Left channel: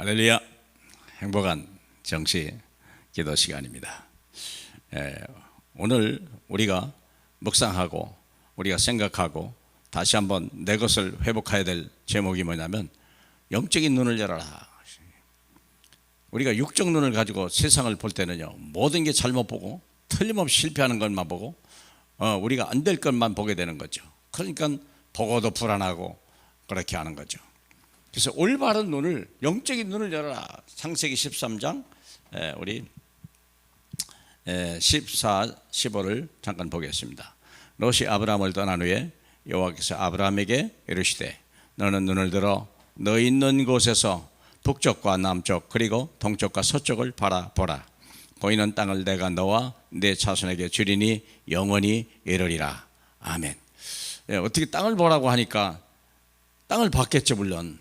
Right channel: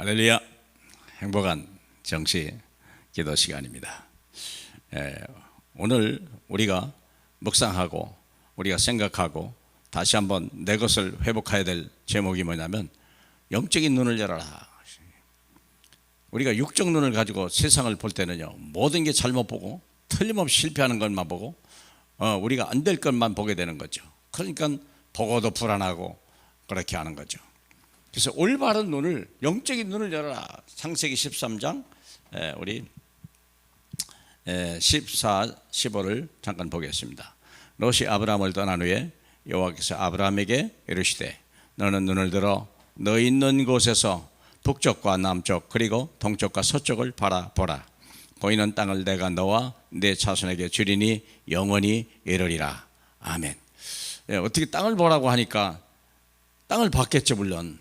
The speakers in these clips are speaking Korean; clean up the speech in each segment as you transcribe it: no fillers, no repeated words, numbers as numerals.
할렐루야. 행복한 정시 기도 시간입니다. 오늘 우리가 묵상하고 우리가 생각하고 다시 한번 내 것을 회복해야 될 제목이 뭐냐면 영적인 눈을 열어라. 우리가 육적 눈을 가지고 세상을 볼 때는요, 모든 게 잘못 보고 틀림없이 실패하는 것만 보고 우리가 안 될 것만 보게 되는 거죠. 그러니까 보고도 불안하고 그렇게 하는 거죠. 그래서 올바른 눈을, 영적인 눈을 열어라. 창세기 13장 우리 14, 15를 잠깐 보겠습니다. 롯이 아브라함을 떠난 후에 여호와께서 아브라함에게 이르시되 너는 눈을 들어 너 있는 곳에서 북쪽과 남쪽 그리고 동쪽과 서쪽을 바라보라. 보이는 땅을 내가 너와 내 자손에게 주리니 영원히 이르리라. 아멘. 어떻게 땅을 보라고 하니까 땅을 봤겠죠, 물론.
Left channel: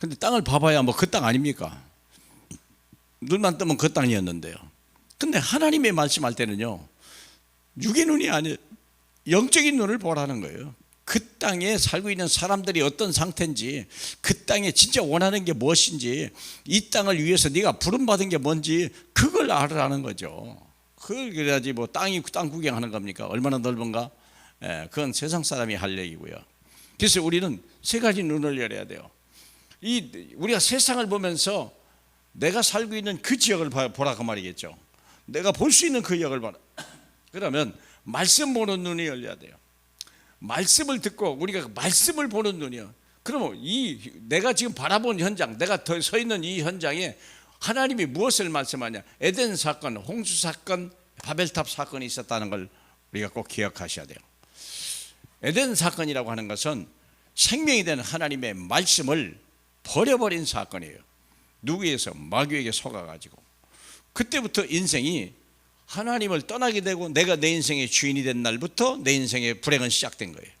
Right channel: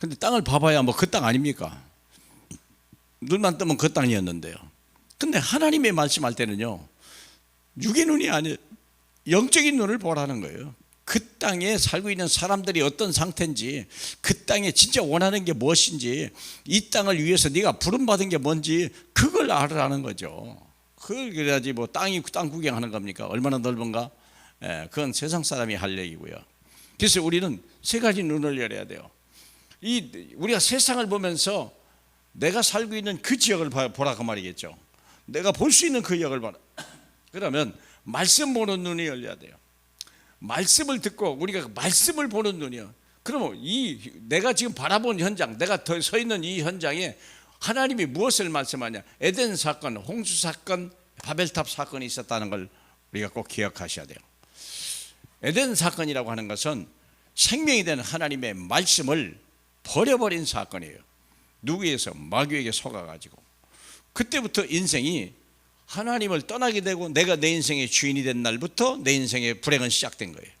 근데 땅을 봐봐야 뭐 그 땅 아닙니까? 눈만 뜨면 그 땅이었는데요. 근데 하나님의 말씀할 때는요, 육의 눈이 아니에요. 영적인 눈을 보라는 거예요. 그 땅에 살고 있는 사람들이 어떤 상태인지, 그 땅에 진짜 원하는 게 무엇인지, 이 땅을 위해서 네가 부름받은 게 뭔지 그걸 알으라는 거죠. 그걸 그래야지 뭐 땅 구경하는 겁니까? 얼마나 넓은가? 그건 세상 사람이 할 얘기고요. 그래서 우리는 세 가지 눈을 열어야 돼요. 우리가 세상을 보면서 내가 살고 있는 그 지역을 보라 그 말이겠죠. 내가 볼 수 있는 그 지역을 봐라. 그러면 말씀 보는 눈이 열려야 돼요. 말씀을 듣고 우리가 말씀을 보는 눈이요. 그러면 내가 지금 바라본 현장, 내가 서 있는 이 현장에 하나님이 무엇을 말씀하냐? 에덴 사건, 홍수 사건, 바벨탑 사건이 있었다는 걸 우리가 꼭 기억하셔야 돼요. 에덴 사건이라고 하는 것은 생명이 되는 하나님의 말씀을 버려버린 사건이에요. 누구에서? 마귀에게 속아가지고. 그때부터 인생이 하나님을 떠나게 되고 내가 내 인생의 주인이 된 날부터 내 인생의 불행은 시작된 거예요.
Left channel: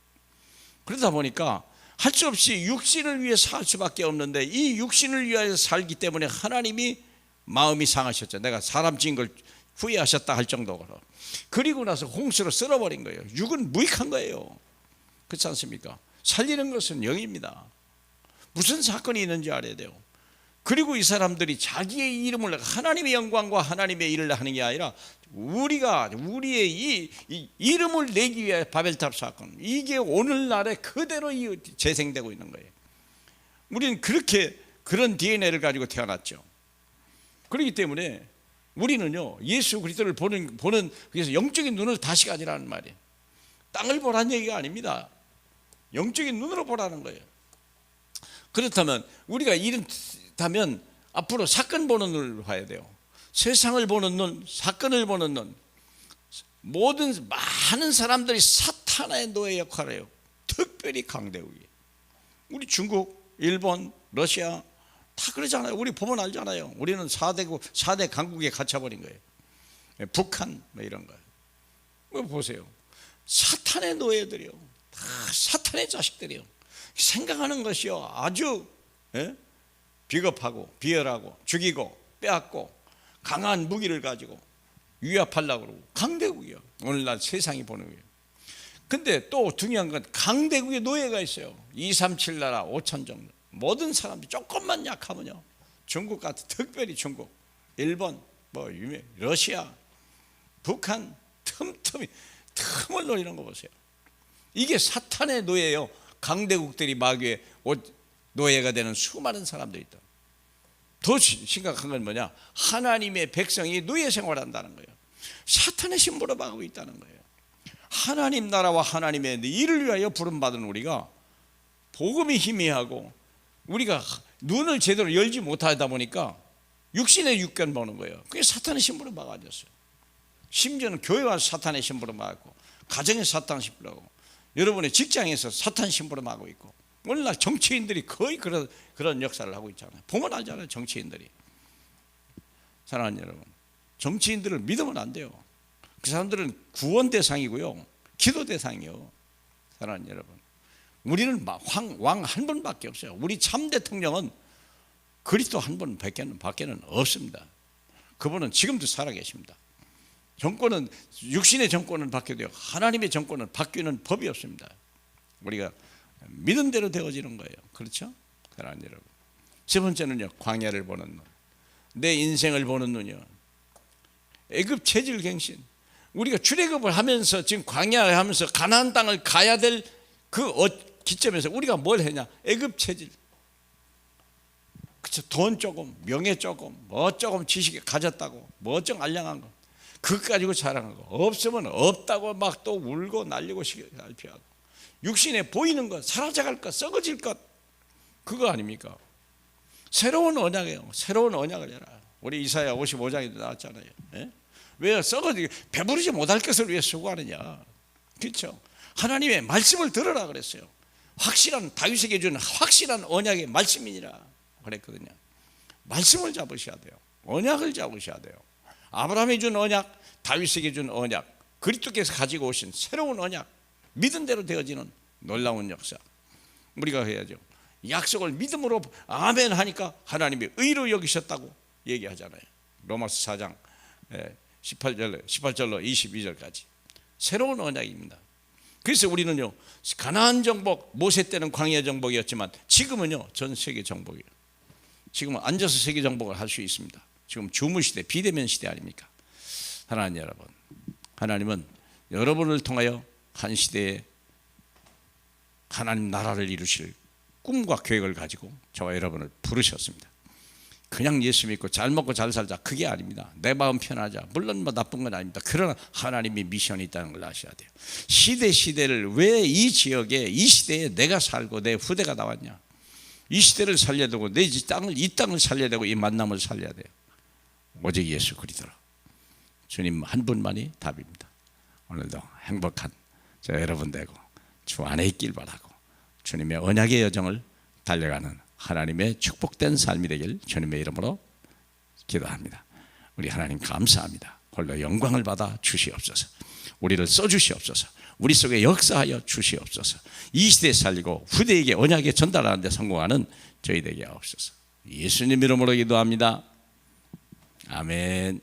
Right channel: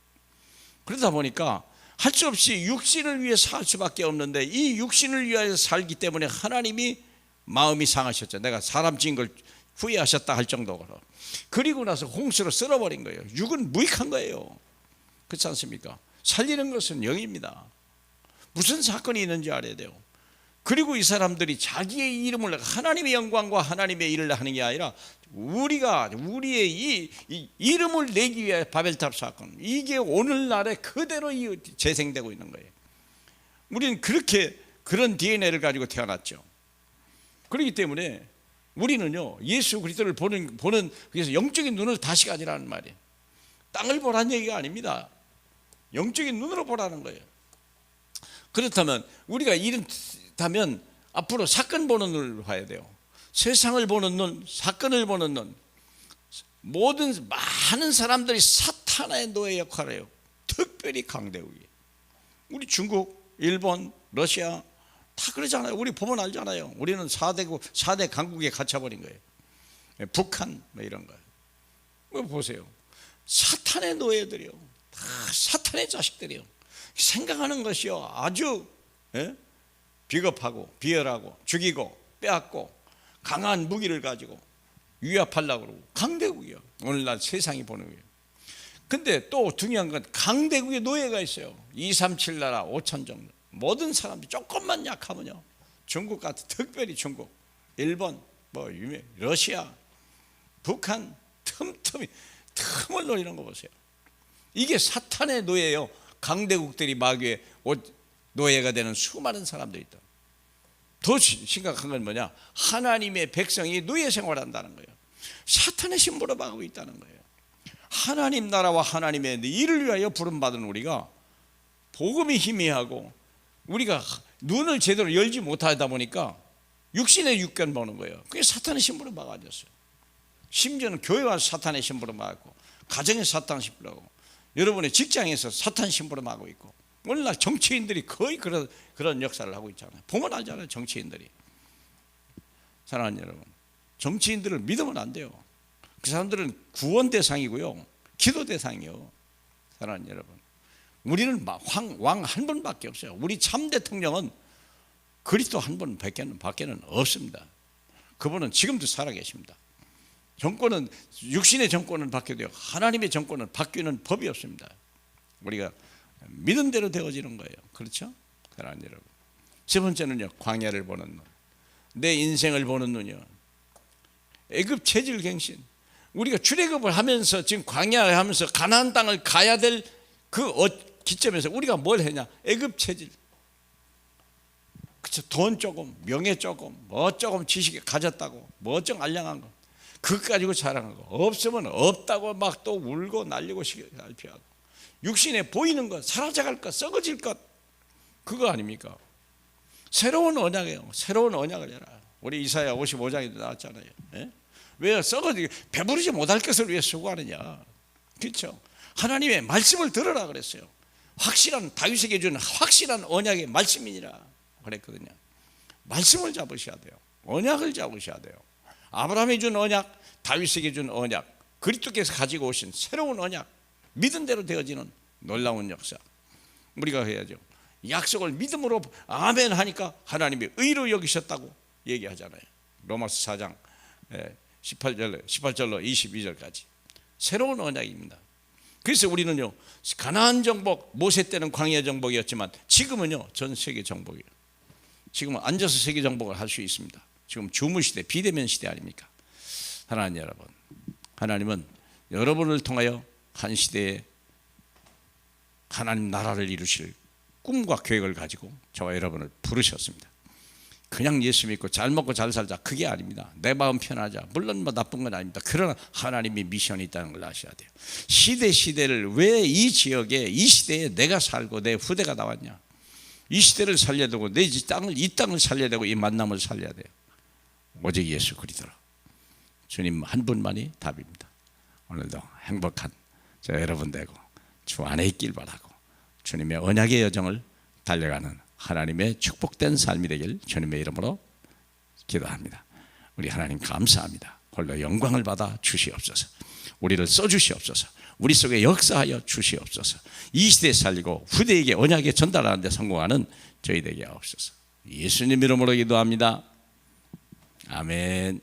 그러다 보니까 할 수 없이 육신을 위해 살 수밖에 없는데 이 육신을 위하여 살기 때문에 하나님이 마음이 상하셨죠. 내가 사람 지은 걸 후회하셨다 할 정도로. 그리고 나서 홍수로 쓸어버린 거예요. 육은 무익한 거예요. 그렇지 않습니까? 살리는 것은 영입니다. 무슨 사건이 있는지 알아야 돼요. 그리고 이 사람들이 자기의 이름을, 하나님의 영광과 하나님의 일을 하는 게 아니라 우리의 이 이름을 내기 위해 바벨탑 사건, 이게 오늘날에 그대로 재생되고 있는 거예요. 우리는 그런 DNA를 가지고 태어났죠. 그렇기 때문에 우리는요, 예수 그리스도를 보는 그래서 영적인 눈을 다시 가지라는 말이에요. 땅을 보라는 얘기가 아닙니다. 영적인 눈으로 보라는 거예요. 그렇다면 우리가 이렇다면 앞으로 사건 보는 눈을 봐야 돼요. 세상을 보는 눈, 사건을 보는 눈. 많은 사람들이 사탄의 노예 역할을 해요. 특별히 강대국이. 우리 중국, 일본, 러시아 다 그러잖아요. 우리 보면 알잖아요. 우리는 4대 강국에 갇혀버린 거예요. 북한 뭐 이런 거예요. 보세요. 사탄의 노예들이요. 다 사탄의 자식들이요. 생각하는 것이요 아주 비겁하고 비열하고 죽이고 빼앗고 강한 무기를 가지고 위협하려고 그러고 강대국이요. 오늘날 세상이 보는 거예요. 근데 또 중요한 건 강대국의 노예가 있어요. 237 나라 5천 정도. 모든 사람들이 조금만 약하면요, 중국 같은, 특별히 중국, 일본, 러시아, 북한 틈을 노리는 거 보세요. 이게 사탄의 노예예요. 강대국들이 마귀의 노예가 되는 수많은 사람들이 있다. 더 심각한 건 뭐냐? 하나님의 백성이 노예 생활한다는 거예요. 사탄의 신부로 막고 있다는 거예요. 하나님 나라와 하나님의 일을 위하여 부름받은 우리가 복음이 희미하고 우리가 눈을 제대로 열지 못하다 보니까 육신의 육견 보는 거예요. 그게 사탄의 신부로 막아졌어요. 심지어는 교회 와서 사탄의 신부로 막았고, 가정에 사탄의 신부로 하고, 여러분의 직장에서 사탄 신부로 막고 있고, 오늘날 정치인들이 거의 그런 역사를 하고 있잖아요. 보면 알잖아요. 정치인들이. 사랑하는 여러분, 정치인들을 믿으면 안 돼요. 그 사람들은 구원 대상이고요, 기도 대상이요. 사랑하는 여러분, 우리는 왕 한 분밖에 없어요. 우리 참 대통령은 그리스도 한 분 밖에는 없습니다. 그분은 지금도 살아계십니다. 정권은, 육신의 정권은 바뀌어도 하나님의 정권은 바뀌는 법이 없습니다. 우리가 믿은 대로 되어지는 거예요. 그렇죠? 사랑하는 여러분, 세 번째는요, 광야를 보는 눈. 내 인생을 보는 눈이요. 애굽 체질갱신. 우리가 출애굽을 하면서 지금 광야를 하면서 가나안 땅을 가야 될 그 기점에서 우리가 뭘 했냐? 애굽 체질. 그쵸? 돈 조금, 명예 조금, 뭐 조금 지식이 가졌다고, 뭐 좀 알량한 거, 그것 가지고 자랑한 거. 없으면 없다고 막 또 울고 날리고 살피하고, 육신에 보이는 것, 사라져갈 것, 썩어질 것, 그거 아닙니까? 새로운 언약이에요. 새로운 언약을 해라. 우리 이사야 55장에도 나왔잖아요. 예? 왜 썩어지게 배부르지 못할 것을 위해 수고하느냐? 그렇죠? 하나님의 말씀을 들으라 그랬어요. 확실한, 다윗에게 준 확실한 언약의 말씀이니라 그랬거든요. 말씀을 잡으셔야 돼요. 언약을 잡으셔야 돼요. 아브라함이 준 언약, 다윗에게 준 언약, 그리스도께서 가지고 오신 새로운 언약, 믿은 대로 되어지는 놀라운 역사, 우리가 해야죠. 약속을 믿음으로 아멘 하니까 하나님이 의로 여기셨다고 얘기하잖아요. 로마서 4장 18절로 22절까지 새로운 언약입니다. 그래서 우리는요, 가나안 정복, 모세 때는 광야 정복이었지만 지금은요, 전 세계 정복이에요. 지금은 앉아서 세계 정복을 할 수 있습니다. 지금 주무 시대, 비대면 시대 아닙니까? 하나님 여러분, 하나님은 여러분을 통하여 한 시대에 하나님 나라를 이루실 꿈과 계획을 가지고 저와 여러분을 부르셨습니다. 그냥 예수 믿고 잘 먹고 잘 살자, 그게 아닙니다. 내 마음 편하자, 물론 뭐 나쁜 건 아닙니다. 그러나 하나님이 미션이 있다는 걸 아셔야 돼요. 시대를 왜 이 지역에, 이 시대에 내가 살고 내 후대가 나왔냐? 이 시대를 살려야 되고 이 땅을 살려야 되고 이 만남을 살려야 돼요. 오직 예수 그리스도로. 주님 한 분만이 답입니다. 오늘도 행복한 저 여러분 되고 주 안에 있길 바라고, 주님의 언약의 여정을 달려가는 하나님의 축복된 삶이 되길 주님의 이름으로 기도합니다. 우리 하나님 감사합니다. 홀로 영광을 받아 주시옵소서. 우리를 써주시옵소서. 우리 속에 역사하여 주시옵소서. 이 시대에 살리고 후대에게 언약에 전달하는 데 성공하는 저희 되게 하옵소서. 예수님 이름으로 기도합니다. 아멘.